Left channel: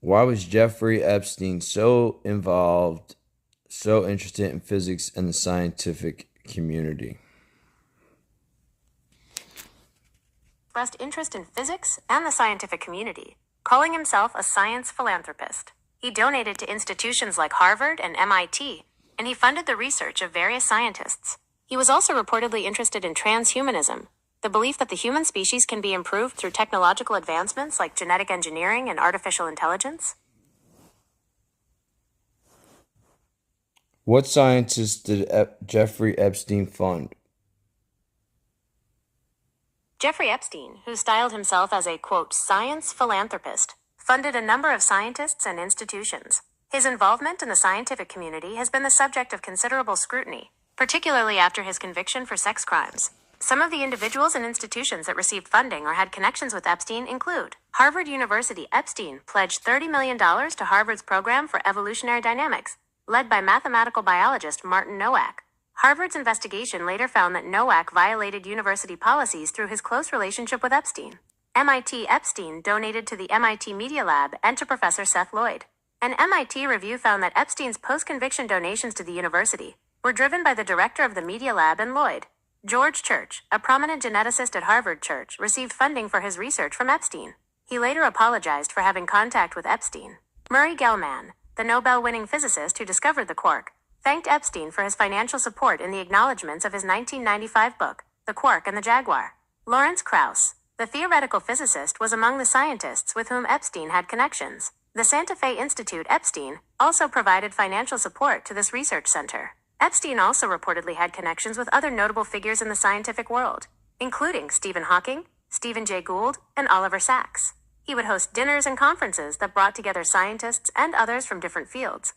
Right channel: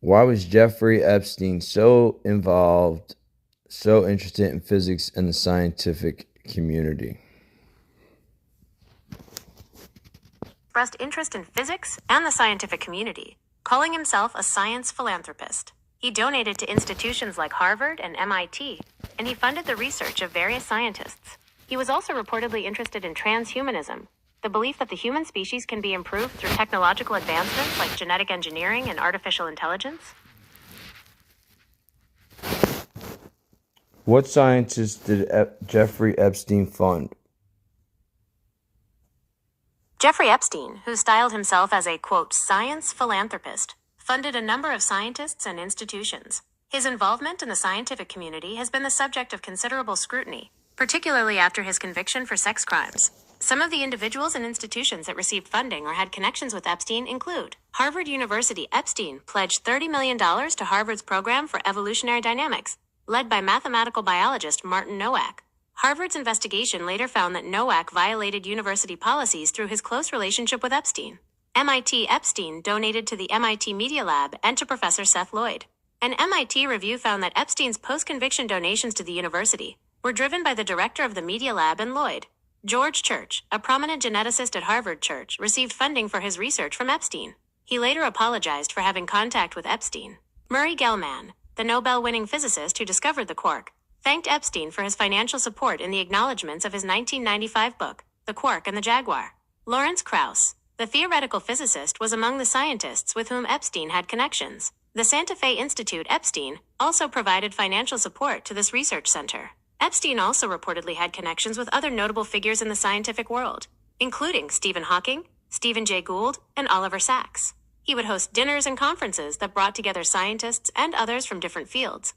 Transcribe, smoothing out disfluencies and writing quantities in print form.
Why was Jeffrey Epstein so involved, so interested in physics and the scientific community? Expressed interest in physics and the scientific community, calling himself a science philanthropist. He donated to institutions like Harvard and MIT, and he funded the research of various scientists. He was also reportedly interested in transhumanism, the belief that the human species can be improved through technological advancements like genetic engineering and artificial intelligence. What scientists did Jeffrey Epstein fund? Jeffrey Epstein, who styled himself as a, quote, science philanthropist, funded a number of scientists and institutions. His involvement in the scientific community has been the subject of considerable scrutiny, particularly after his conviction for sex crimes. Some of the individuals and institutions that received funding or had connections with Epstein include Harvard University. Epstein pledged $30 million to Harvard's program for evolutionary dynamics, led by mathematical biologist Martin Nowak. Harvard's investigation later found that Nowak violated university policies through his close relationship with Epstein. MIT. Epstein donated to the MIT Media Lab and to Professor Seth Lloyd. An MIT review found that Epstein's post-conviction donations to the university were driven by the director of the Media Lab and Lloyd. George Church, a prominent geneticist at Harvard Church, received funding for his research from Epstein. He later apologized for having contact with Epstein. Murray Gell-Mann, the Nobel-winning physicist who discovered the quark, thanked Epstein for his financial support in the acknowledgments of his 1995 book, The Quark and the Jaguar. Lawrence Krauss, the theoretical physicist, was among the scientists with whom Epstein had connections. The Santa Fe Institute. Epstein also provided financial support to this research center. Epstein also reportedly had connections with other notable figures in the scientific world, including Stephen Hawking, Stephen Jay Gould, and Oliver Sacks. He would host dinners and conferences that brought together scientists and others from different fields.